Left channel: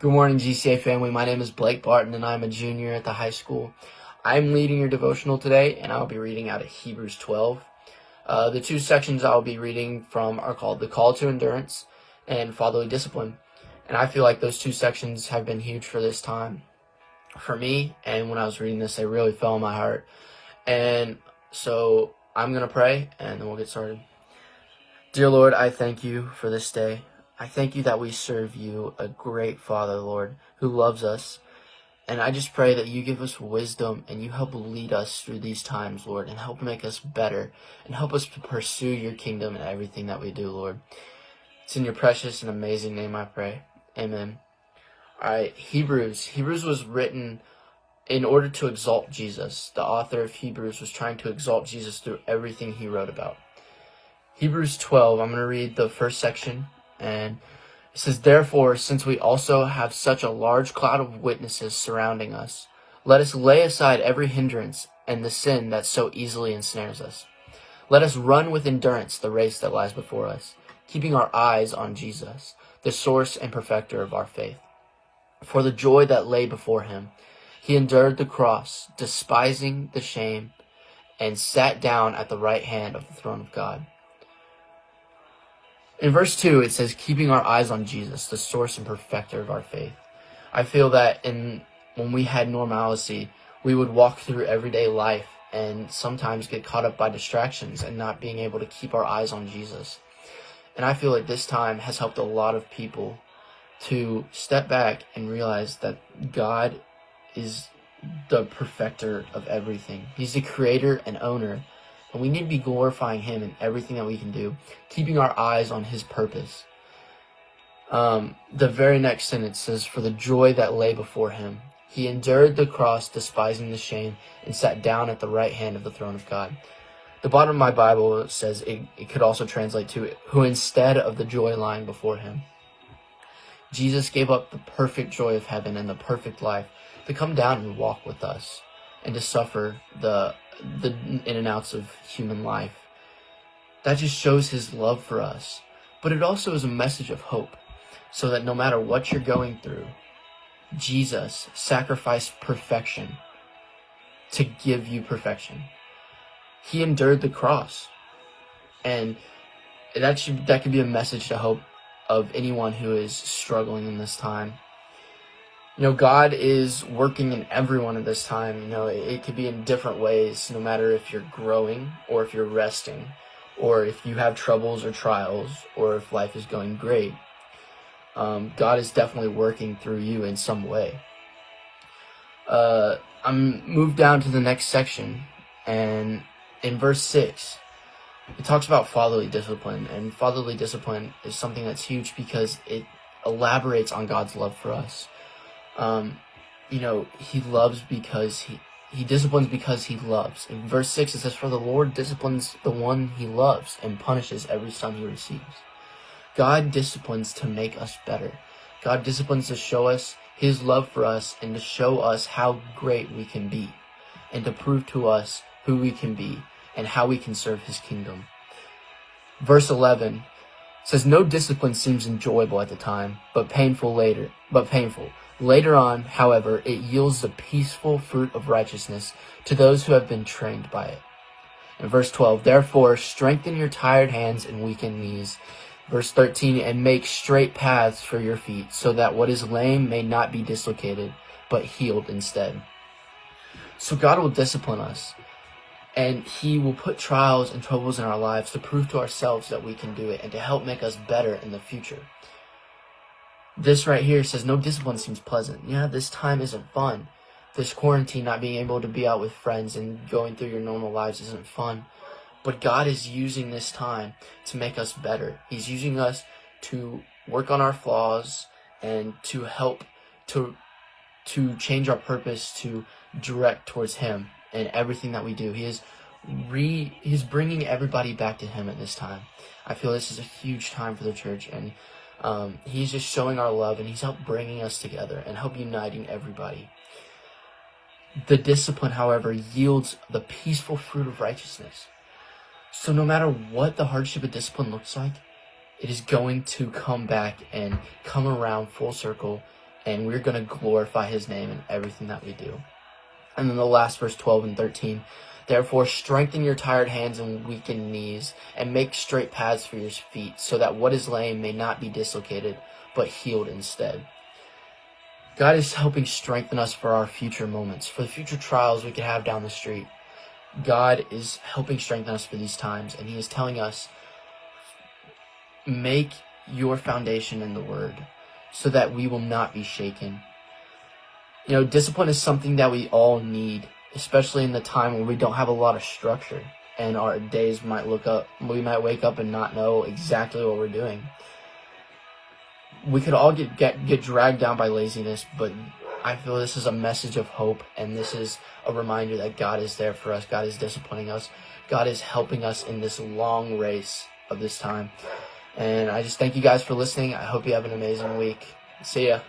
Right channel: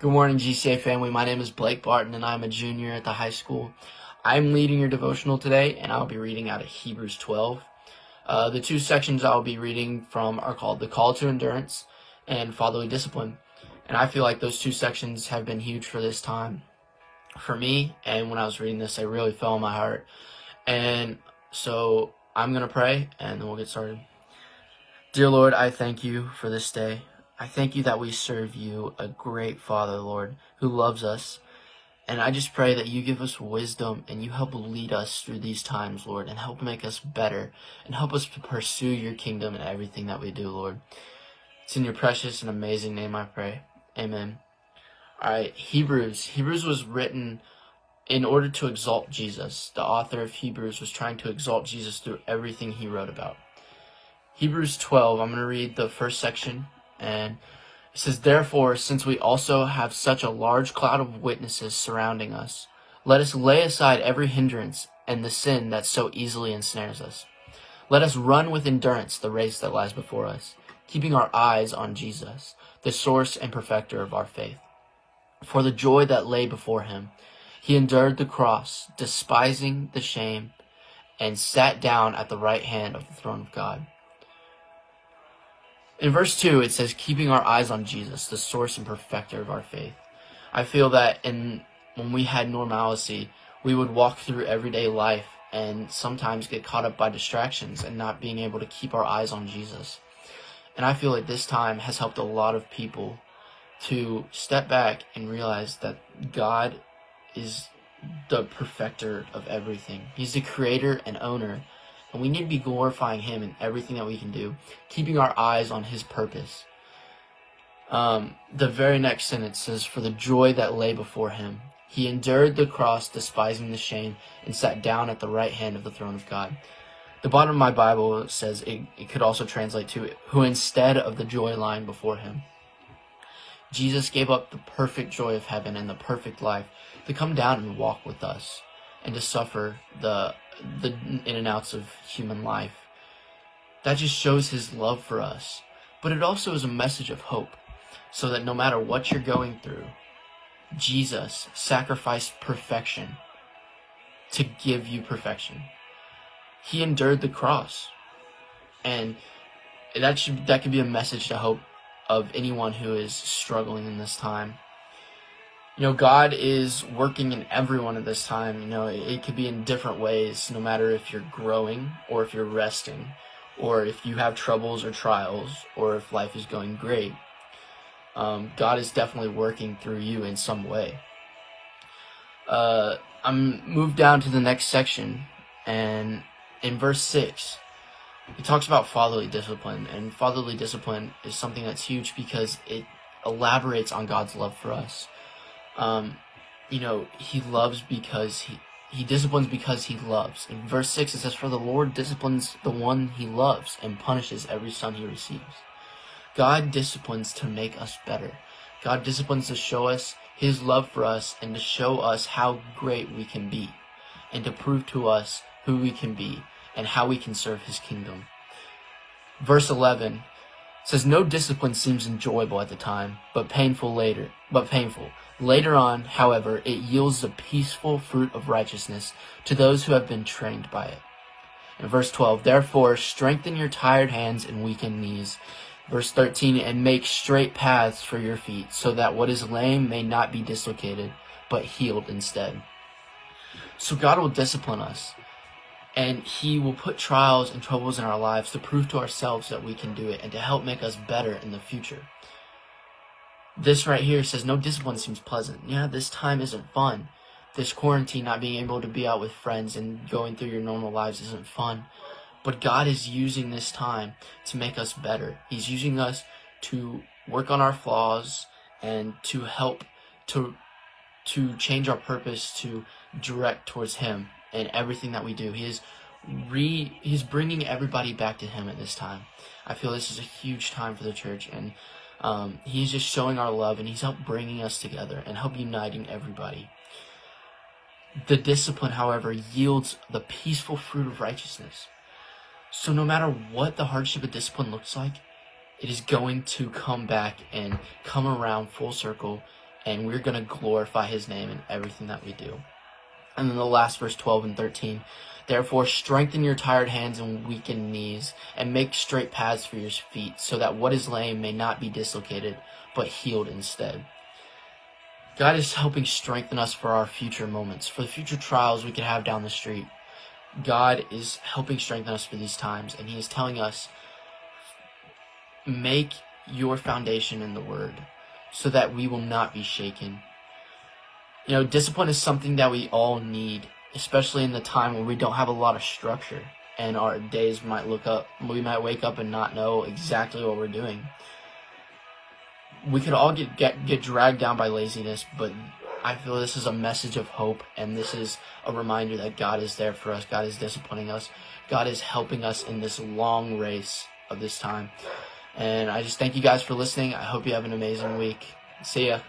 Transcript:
Good morning, GCA family. My name is Blake Barton, and I'm a junior at the high school. I'm leading your devotional today, and I'll be reading out of Hebrews 12. The two sections I'll be reading from are called The Call to Endurance and Fatherly Discipline. And I feel like those two sections have been huge for this time for me. And when I was reading this, they really fell in my heart. And so I'm going to pray, and then we'll get started. Dear Lord, I thank you for this day. I thank you that we serve you, a great Father, Lord, who loves us. And I just pray that you give us wisdom and you help lead us through these times, Lord, and help make us better and help us to pursue your kingdom in everything that we do, Lord. It's in your precious and amazing name I pray. Amen. All right, Hebrews. Hebrews was written in order to exalt Jesus. The author of Hebrews was trying to exalt Jesus through everything he wrote about. Hebrews 12, I'm going to read the first section, and it says, "Therefore, since we also have such a large cloud of witnesses surrounding us, let us lay aside every hindrance and the sin that so easily ensnares us. Let us run with endurance the race that lies before us, keeping our eyes on Jesus, the source and perfecter of our faith. For the joy that lay before him, he endured the cross, despising the shame, and sat down at the right hand of the throne of God." In verse 2, it says, keeping our eyes on Jesus, the source and perfecter of our faith. I feel that when we had normalcy, we would walk through everyday life and sometimes get caught up by distractions and not being able to keep our eyes on Jesus. And I feel like this time has helped a lot of people to step back and realize that God is the perfecter of everything. He's the creator and owner. And we need to be glorifying him in everything that we can do, keeping our eyes on his purpose. The very next sentence says, for the joy that lay before him, he endured the cross, despising the shame, and sat down at the right hand of the throne of God. The bottom of my Bible says it could also translate to, who instead of the joy lying before him. Jesus gave up the perfect joy of heaven and the perfect life to come down and walk with us and to suffer the in and outs of human life. That just shows his love for us. But it also is a message of hope, so that no matter what you're going through, Jesus sacrificed perfection to give you perfection. He endured the cross. And that could be a message to hope of anyone who is struggling in this time. God is working in everyone at this time. It could be in different ways, no matter if you're growing or if you're resting or if you have troubles or trials or if life is going great. God is definitely working through you in some way. I'm moved down to the next section, and in verse 6, it talks about fatherly discipline, and fatherly discipline is something that's huge because it elaborates on God's love for us. He loves because he disciplines because he loves. In verse 6, it says, for the Lord disciplines the one he loves and punishes every son he receives. God disciplines to make us better. God disciplines to show us his love for us and to show us how great we can be and to prove to us who we can be and how we can serve his kingdom. Verse 11 says, no discipline seems enjoyable at the time, but painful. Later on, however, it yields the peaceful fruit of righteousness to those who have been trained by it. In verse 12, therefore, strengthen your tired hands and weakened knees. Verse 13, and make straight paths for your feet, so that what is lame may not be dislocated, but healed instead. So God will discipline us, and he will put trials and troubles in our lives to prove to ourselves that we can do it and to help make us better in the future. This right here says no discipline seems pleasant. Yeah, this time isn't fun. This quarantine, not being able to be out with friends and going through your normal lives isn't fun. But God is using this time to make us better. He's using us to work on our flaws and to help to change our purpose to direct towards him in everything that we do. He's bringing everybody back to him at this time. I feel this is a huge time for the church, and he's just showing our love, and he's helped bringing us together and help uniting everybody. The discipline, however, yields the peaceful fruit of righteousness. So no matter what the hardship of discipline looks like, it is going to come back and come around full circle and we're going to glorify his name in everything that we do. And then the last verse 12 and 13. Therefore, strengthen your tired hands and weakened knees, and make straight paths for your feet, so that what is lame may not be dislocated, but healed instead. God is helping strengthen us for our future moments, for the future trials we can have down the street. God is helping strengthen us for these times, and he is telling us, make your foundation in the Word, so that we will not be shaken. Discipline is something that we all need, especially in the time where we don't have a lot of structure, and our days we might wake up and not know exactly what we're doing. We could all get dragged down by laziness, but I feel this is a message of hope, and this is a reminder that God is there for us. God is disciplining us. God is helping us in this long race of this time. And I just thank you guys for listening. I hope you have an amazing week. See ya.